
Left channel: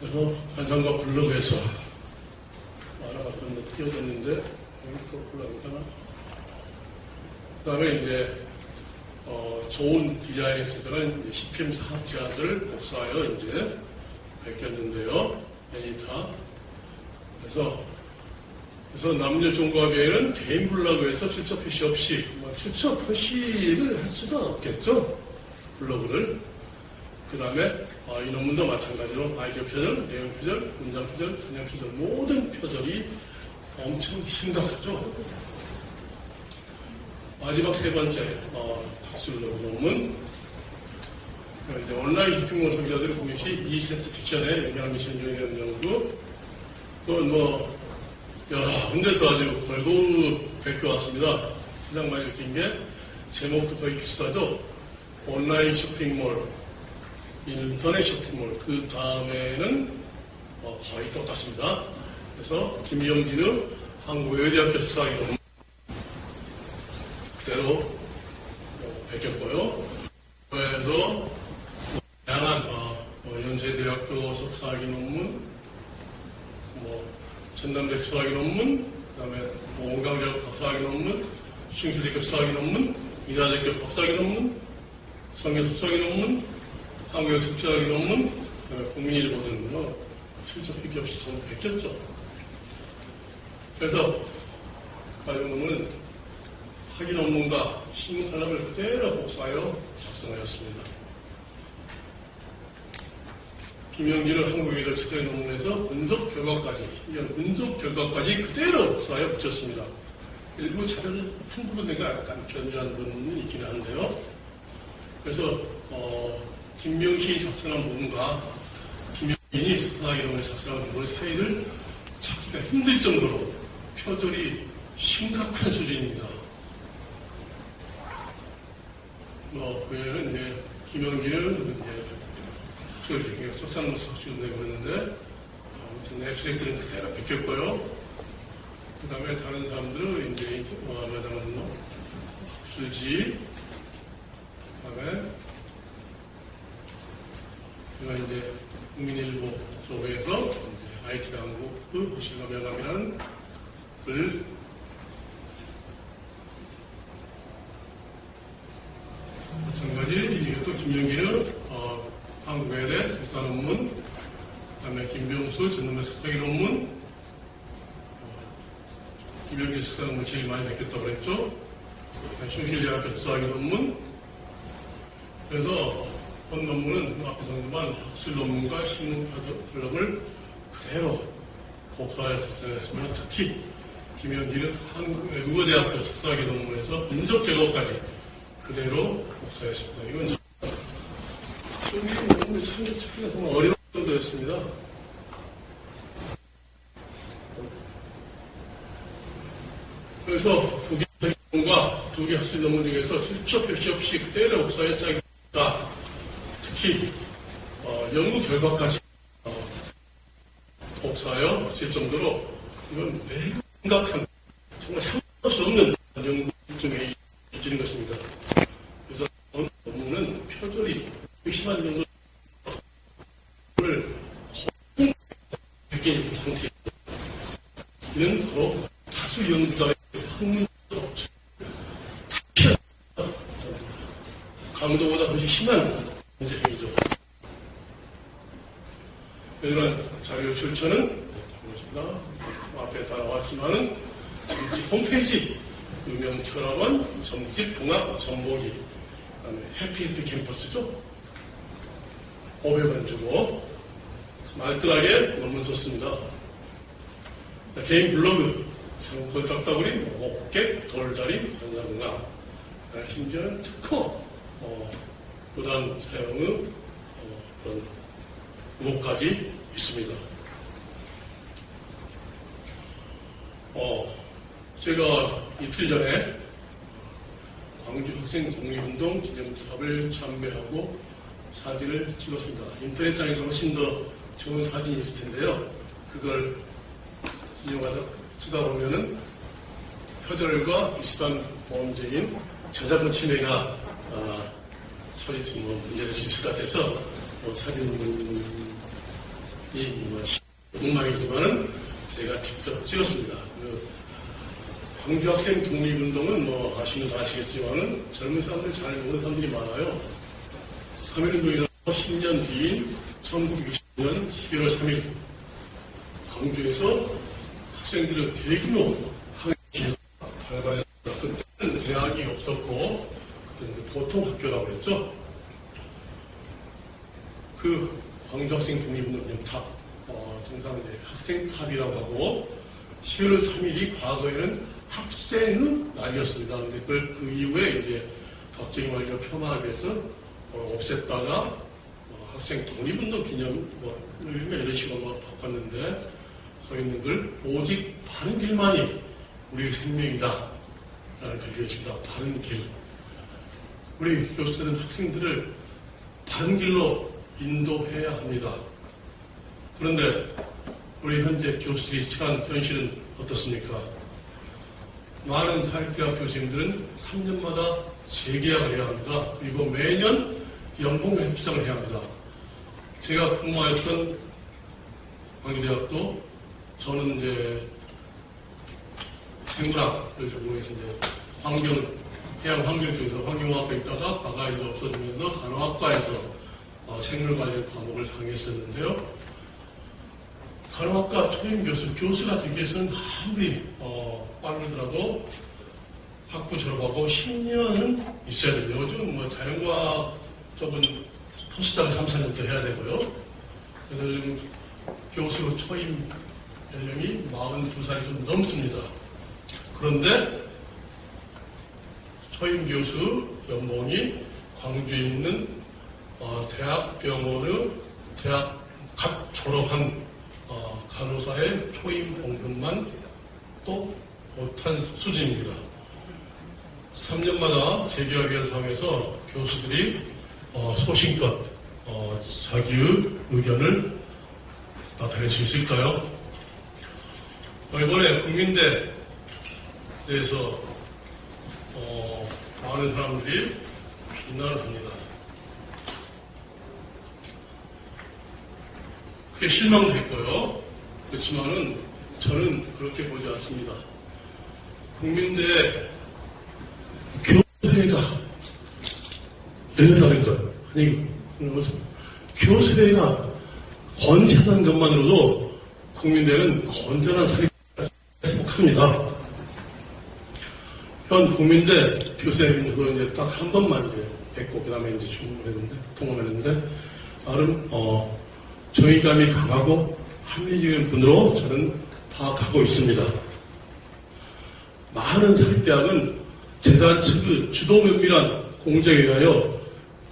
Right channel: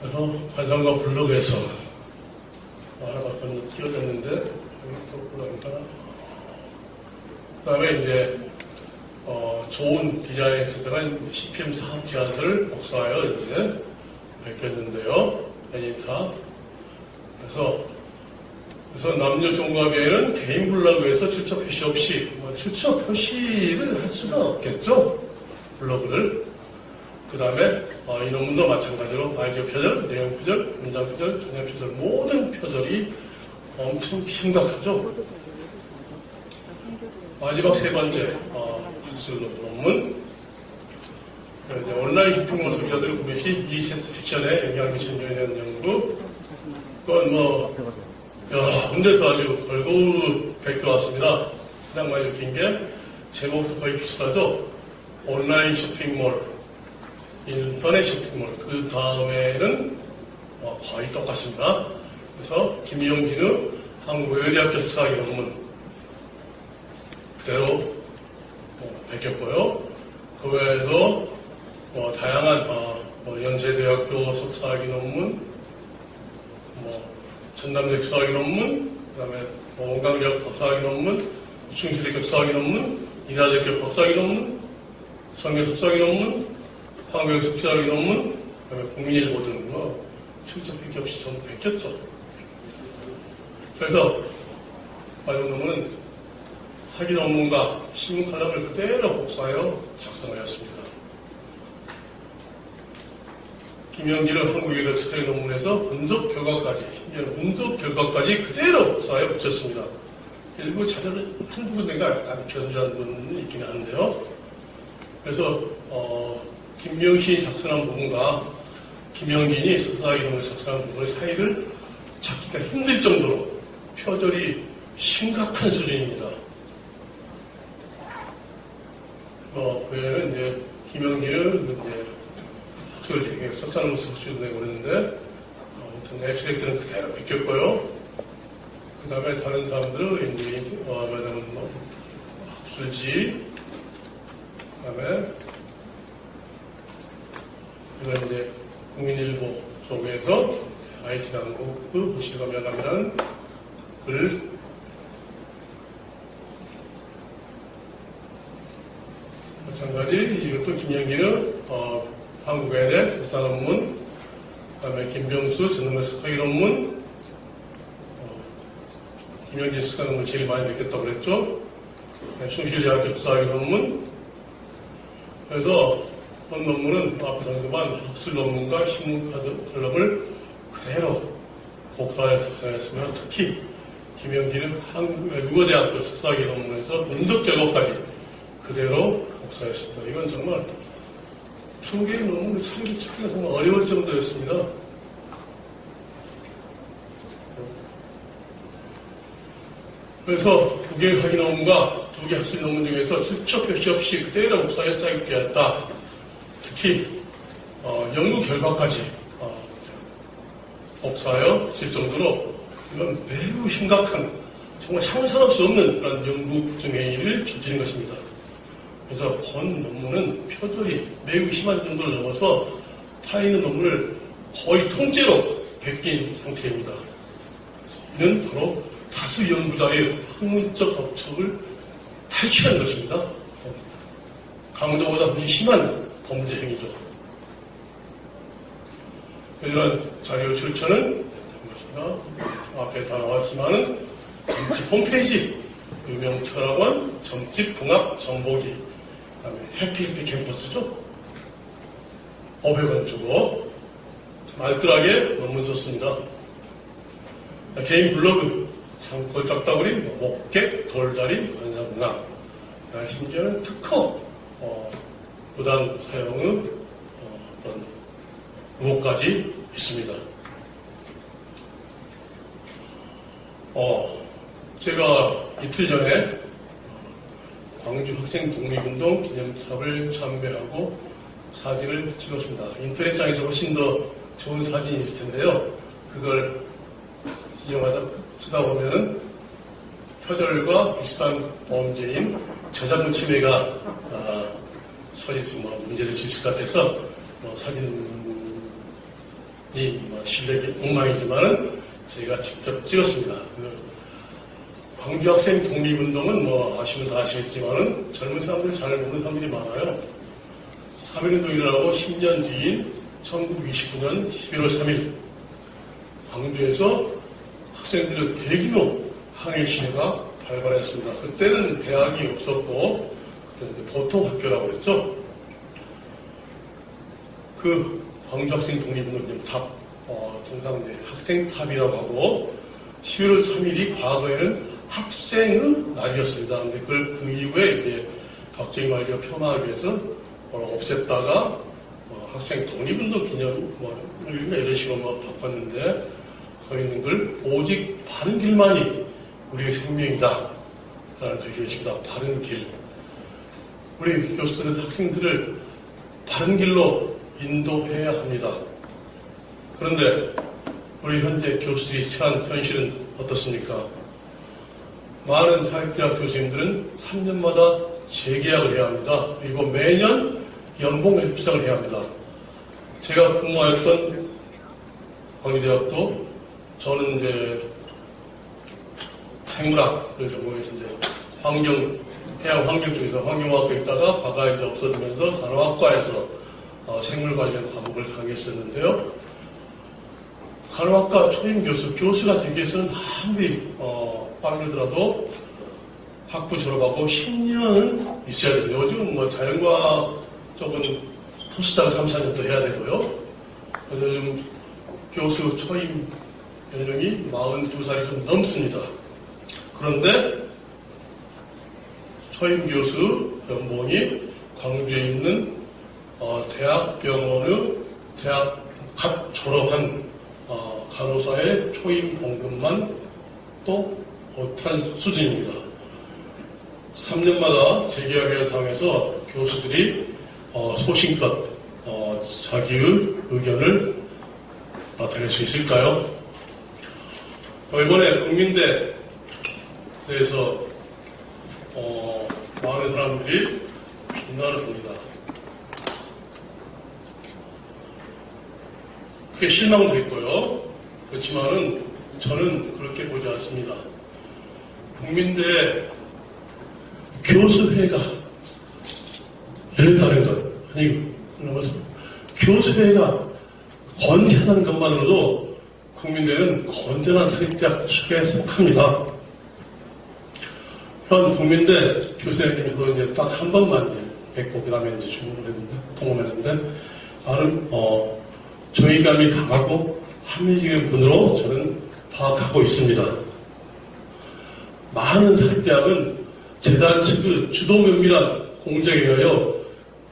그래서 관상과 블로그에서 하나가 건너 띄어졌는데, 그 다음에 이제, 좋은 디자인에서 들어간 CPM 사업 제안서를 복사하여 이제 베꼈는데요. 애니타. 그래서 남녀 종합회에는 개인 블로그에서 출처 표시 없이, 출처 표시를 할 수가 없겠죠. 블로그를. 그 다음에, 이 논문도 마찬가지로 아이디어 표절, 내용 표절, 문장 표절, 그냥 표절, 모든 표절이 엄청 심각하죠. 마지막 세 번째, 학술 논문. 이제 온라인 쇼핑몰 소비자들의 구매 시 2세트 픽션에 영향을 미치는 요인에 대한 연구. 그건 군대에서 아주 걸고 베껴왔습니다. 그냥 많이 긴 게, 제목도 거의 비슷하죠. 온라인 쇼핑몰, 인터넷 쇼핑몰, 그 다음에는 거의 똑같습니다. 그래서 김용진의 한국외대학교 석사학위 논문 그대로 베꼈고요. 그 외에도 다양한 연세대학교 석사학위 논문, 전남대 석사학위 논문, 그 다음에 원광대학 석사학위 논문, 싱수대학교 석사학위 논문, 인하대학교 석사학위 논문, 성교 석사학위 논문, 한국의 석사학위 논문, 그 다음에 국민일보 등 실적 필기 없이 전부 베꼈죠. 그래서 관련 논문은 학위 논문과 신문 칼럼을 그대로 복사하여 작성하였습니다. 김영길의 한국의대 석사학위 논문에서 분석 결과까지 그대로 복사하여 붙였습니다. 일부 자료는 한두 군데가 약간 변조한 부분은 있긴 한데요. 그래서 김명신이 작성한 부분과 김영진이 석사학위 논문에 작성한 부분의 사이를 찾기가 힘들 정도로 표절이 심각한 수준입니다. 그 외에는 이제 김영진은 이제 석사 논문 석술인데 그랬는데 아무튼 앱스트랙트는 그대로 베꼈고요. 그 다음에 다른 사람들은 이제 말하자면 학술지, 그 다음에 이제 국민일보 쪽에서 IT 당국의 실감 연합이라는 글, 마찬가지 이것도 김영기는 한국외대 석사 논문, 그 다음에 김병수 전문가 석사학위 논문, 김영진 스카노를 제일 많이 냈겠다고 그랬죠. 숭실대학교 역사학위 논문. 그래서 본 논문은 앞에서 한번 학술 논문과 신문카드 컬럼을 그대로 복사해서 작성했으면, 특히 김영진은 한국외국어대학교 석사학위 논문에서 분석 결과까지 그대로 복사했습니다. 이건 정말 한국인 논문을 찾기가 정말 어려울 정도였습니다. 그래서 두 개의 학위 논문과 두 개 학술 논문 중에서 실적 표시 없이 그대로 복사해 짜깁게 했다. 특히 연구 결과까지 복사하여 쓸 정도로 이건 매우 심각한, 정말 상상할 수 없는 그런 연구 부정행위를 저지른 것입니다. 그래서 본 논문은 표절이 매우 심한 정도를 넘어서 타인의 논문을 거의 통째로 베낀 상태입니다. 이는 바로 다수 연구자의 학문적 법칙을 탈취한 것입니다. 강도보다 훨씬 심한 범죄 행위죠. 이런 자료 출처는 것입니다. 앞에 다 나왔지만은 점집 홈페이지, 유명 철학원 점집 봉합 정보기, 그다음에 해피힐트 캠퍼스죠. 500원 주고 알뜰하게 논문 썼습니다. 개인 블로그, 산골 딱따구리, 목객, 돌다리, 관상강, 심지어 특허, 부당 사용의 그런 의혹까지 있습니다. 제가 이틀 전에 광주 학생 독립운동 기념탑을 참배하고 사진을 찍었습니다. 인터넷상에서 훨씬 더 좋은 사진이 있을 텐데요. 그걸 이용하다 쓰다 보면은 표절과 비슷한 범죄인 저작권 침해가 서리도 문제될 수 있을 것 같아서 사진이 실력이 엉망이지만은 제가 직접 찍었습니다. 광주 학생 독립운동은 아시면 다 아시겠지만은 젊은 사람들이 잘 모르는 사람들이 많아요. 3.1운동이라고 10년 뒤인 1929년 11월 3일 광주에서 학생들의 대규모 항일 시위가 발발했습니다. 그때는 대학이 없었고 그때는 보통 학교라고 했죠. 그 광주 학생 독립운동 탑, 통상 학생탑이라고 하고 11월 3일이 과거에는 학생의 날이었습니다. 근데 그 이후에 이제 박정희 말기가 폄하하기 위해서 없앴다가 학생 독립운동 기념 이런 식으로 바꿨는데 서 있는 걸 오직 바른 길만이 우리의 생명이다 라는 표기였습니다. 바른 길. 우리 교수들은 학생들을 바른 길로 인도해야 합니다. 그런데 우리 현재 교수들이 처한 현실은 어떻습니까? 많은 사회대학 교수님들은 3년마다 재계약을 해야 합니다. 그리고 매년 연봉 협상을 해야 합니다. 제가 근무하였던 광주대학도 저는 이제 생물학을 전공해서 이제 해양 환경 쪽에서 환경학과 있다가 과가 이제 없어지면서 간호학과에서 생물 관련 과목을 강의했었는데요. 간호학과 초임 교수가 되기 위해서는 아무리 빠르더라도 학부 졸업하고 10년은 있어야 되고요. 요즘 자연과학 쪽은 포스닥을 3, 4년 더 해야 되고요. 그래서 요즘 교수 초임 연령이 42살이 좀 넘습니다. 그런데 초임 교수 연봉이 광주에 있는 대학병원의 대학 갓 졸업한 간호사의 초임 봉급만 또 못한 수준입니다. 3년마다 재계약을 당해서 교수들이 소신껏 자기의 의견을 나타낼 수 있을까요? 이번에 국민대에서 많은 사람들이 비난을 합니다. 그게 실망도 했고요. 그렇지만은 저는 그렇게 보지 않습니다. 국민대 교수회가 열다는 것, 아니, 교수회가 건재하다는 것만으로도 국민대는 건전한 사립대학교에 속합니다. 현 국민대 교수님께서 이제 딱 한 번만 이제 뵙고 그다음에 이제 주문을 했는데 통화를 했는데 나름 정의감이 강하고 합리적인 분으로 저는 파악하고 있습니다. 많은 사립대학은 재단 측의 주도 면밀한 공작에 의하여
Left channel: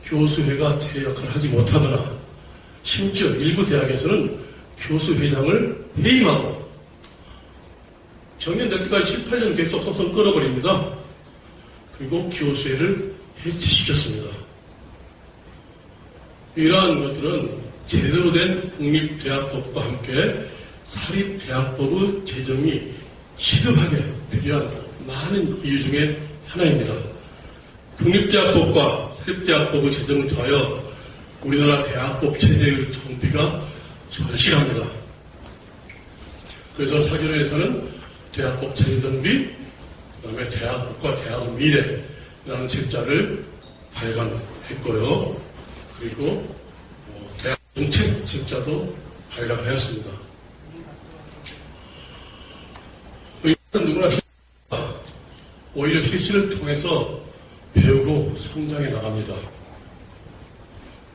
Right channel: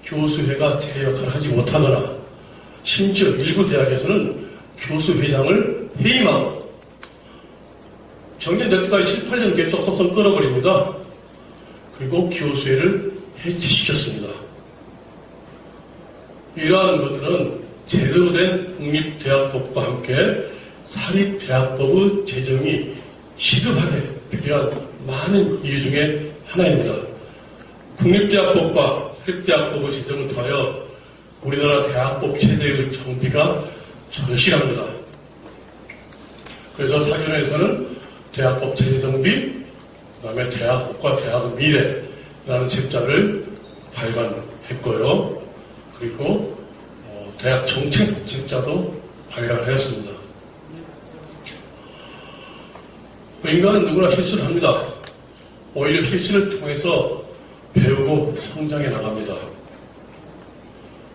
교수회가 제 역할을 하지 못하거나 심지어 일부 대학에서는 교수회장을 해임하고 정년될 때까지 18년 계속 소송 끊어버립니다. 그리고 교수회를 해체시켰습니다. 이러한 것들은 제대로 된 국립대학법과 함께 사립대학법의 제정이 시급하게 필요한 많은 이유 중에 하나입니다. 국립대학법과 사립대학법의 제정을 통하여 우리나라 대학법 체제의 정비가 절실합니다. 그래서 사견에서는 대학법 체제 정비, 그 다음에 대학법과 대학의 미래라는 책자를 발간했고요. 그리고 대학 정책 책자도 발간하였습니다. 인간은 누구나 실수를 합니다. 오히려 실수를 통해서 배우고 성장해 나갑니다.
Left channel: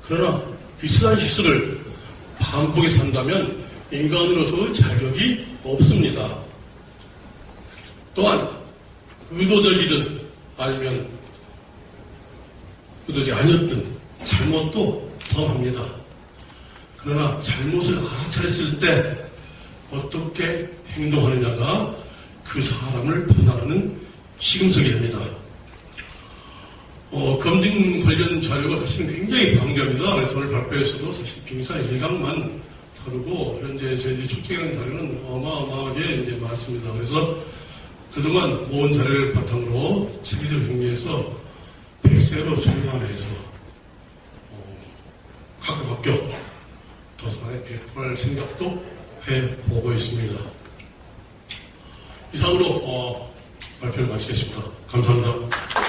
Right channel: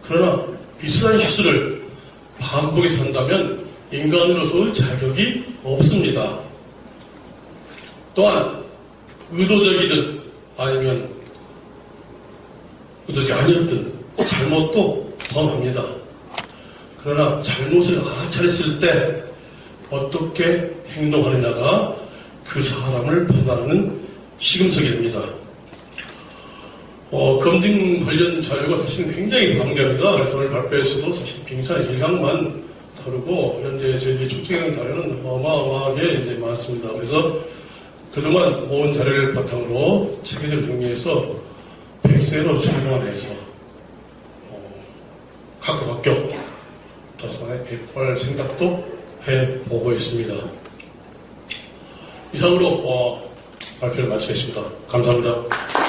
그러나 비슷한 실수를 반복해서 한다면 인간으로서의 자격이 없습니다. 또한 의도적이든 아니면 의도적이 아니었든 잘못도 범합니다. 그러나 잘못을 알아차렸을 때 어떻게 행동하느냐가 그 사람을 판단하는 시금석이 됩니다. 검증 관련 자료가 사실 굉장히 방대합니다. 그래서 오늘 발표에서도 사실 빙산 일각만 다루고 현재 저희들이 축적한 자료는 어마어마하게 이제 많습니다. 그래서 그동안 모은 자료를 바탕으로 체계적으로 정리해서 100세로 정상을 해서 각각 합격 더상에 배포할 생각도 해보고 있습니다. 이상으로 발표를 마치겠습니다. 감사합니다.